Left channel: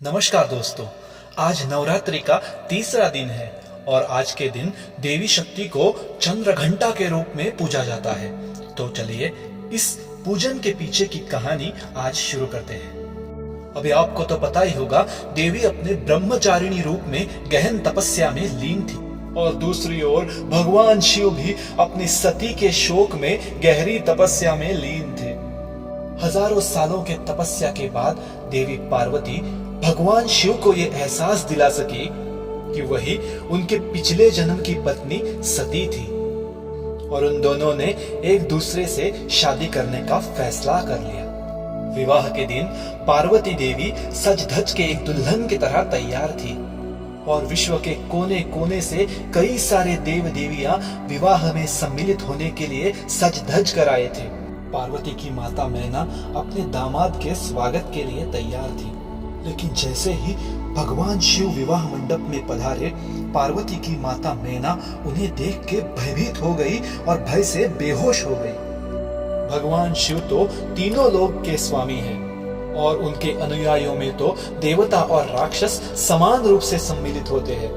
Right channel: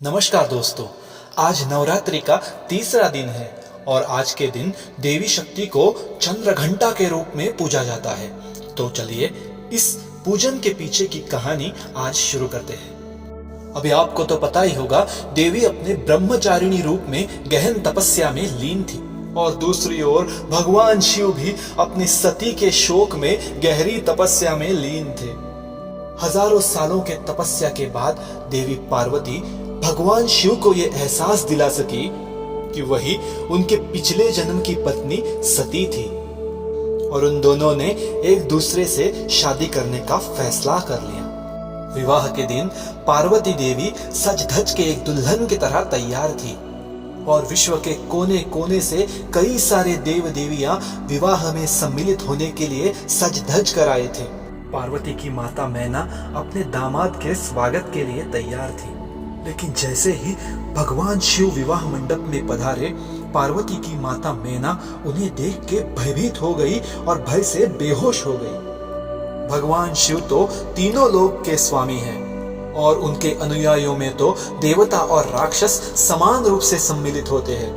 नमस्कार दोस्तों, आज नवरात्रि का तीसरा दिन है और आज के दिन देवी शक्ति को चंद्रघंटा के रूप में पूजा जाता है। तो चलिए इस पूजन के पीछे की कहानी आज शुरू करते हैं। अभी आपको तो पता ही होगा, देवी अपने ब्रह्मचारिणी रूप में गहन तपस्या में लीन थी और दूसरी ओर भगवान शिव भी अपनी सती के शोक में गहरी तपस्या में लीन थे। हजारों सालों के तपस्या के बाद देवी पार्वती भगवान शिव को यह एहसास दिला सकी कि वही उनके पिछले जन्म की पत्नी सती थी और उन दोनों ने एक दूसरे से शादी करने का फैसला कर लिया। विवाह के दिन पार्वती देवी सज धज के एक दुल्हन की तरह तैयार थी और विश्व के कोने कोने से कई सारे देव देवियां विवाह में सम्मिलित होने के लिए सज धज कर आए थे। पार्वती की माता मैना अपने दामाद के स्वागत के लिए तैयार थी, लेकिन जैसे ही भगवान शिव विवाह मंडप में पधारे, पार्वती की माता मैना उन्हें देख के भयभीत हो गई और भय से बेहोश हो गई। भगवान शिव तो तीनों लोक के स्वामी हैं और उनके अनुयायियों में तो देवता और राक्षस समान रूप से सम्मिलित होते हैं।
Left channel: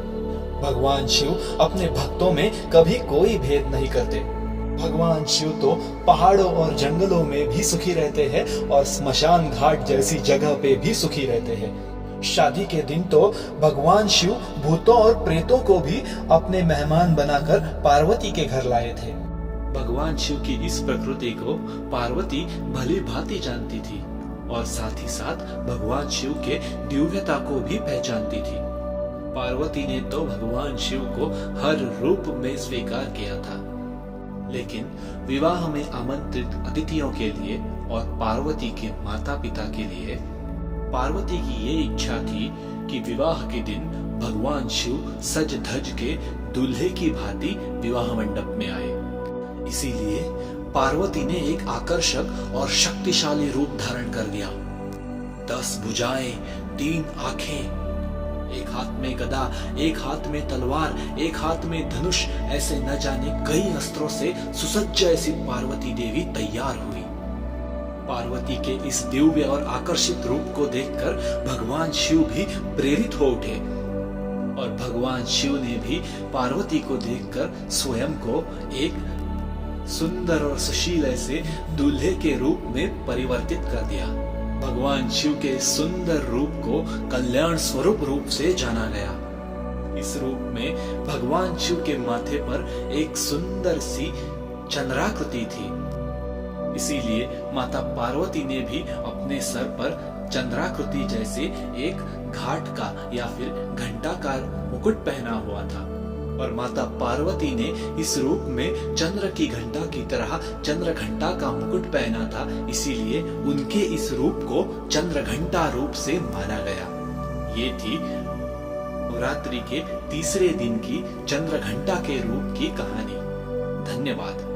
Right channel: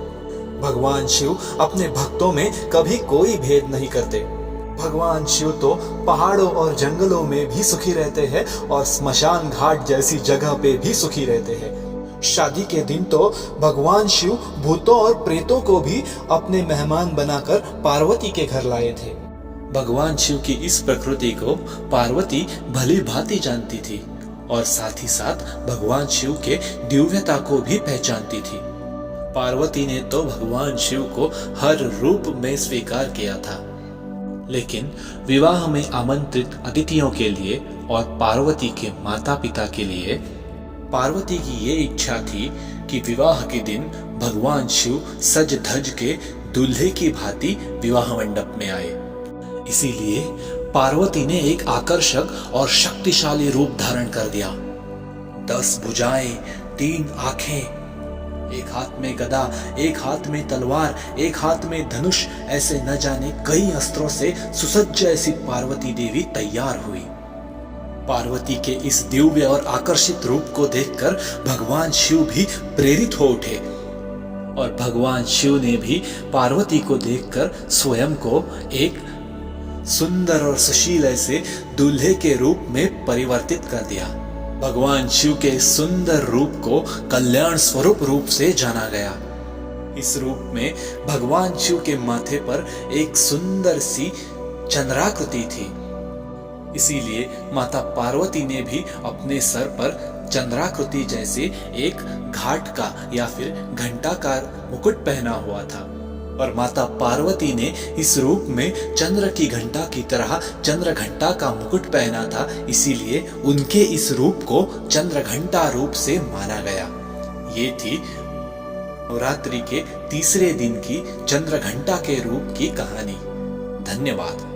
भगवान शिव अपने भक्तों में कभी कोई भेद नहीं करते। भगवान शिव तो पहाड़ों और जंगलों में भी सुखी रहते हैं और स्मशान घाट जैसी जगह पे भी सुखी रहते हैं। शादी के दिन तो भगवान शिव भूतों और प्रेतों को भी अपने मेहमान बनाकर पार्वती के घर लाए थे। भगवान शिव की इस प्रकृति को पार्वती भली भांति जानती थी और साथ ही साथ भगवान शिव के दिव्यता को भी पहचानती थी। पार्वती ने तो भगवान शिव को हर रूप में स्वीकार किया था, लेकिन विवाह में आमंत्रित अतिथियों के लिए और पार्वती के माता पिता के लिए पार्वती की ये इच्छा थी कि विवाह के दिन भगवान शिव सज धज के दूल्हे की भांति विवाह मंडप में आए। इसीलिए पार्वती ने एक आकर्षक और शक्तिशाली रूप धारण कर दिया। 10 भुजाएं, 3 आंखें, एक हाथ में गदा, एक हाथ में तलवार, एक हाथ में धनुष, ऐसे न जाने कई अस्त्रों से सुसज्ज ऐसी पार्वती देवी तैयार हुई। पार्वती के इस दिव्य और आकर्षित रूप को देखकर भगवान शिव भी प्रेरित हो उठे और भगवान शिव ने भी पार्वती को देखकर स्वयं को एक सुंदर और सुशील ऐसे दूल्हे के रूप में परिवर्तित कर दिया। भगवान शिव के सुंदर रूप को कल्याण स्वरूप रूप से जाना गया। इस रूप में भगवान शिव के माथे पर एक सुंदर सी चंद्राकृति थी। इसीलिए माता पार्वती ने भी अपने सर पर चंद्राकृति जैसे एक घाट का या फिर घंटाकार मुकुट पहना हुआ था और माता पार्वती ने इस रूप में चंद्र की घंटा की तरह चंद्र घंटा का मुकुट पहना था। इसीलिए उनके इस रूप को चंद्र घंटा रूप से माना गया। ये थी नवरात्रि के तीसरे दिन की चंद्र घंटा के रूप की कहानी। धन्यवाद।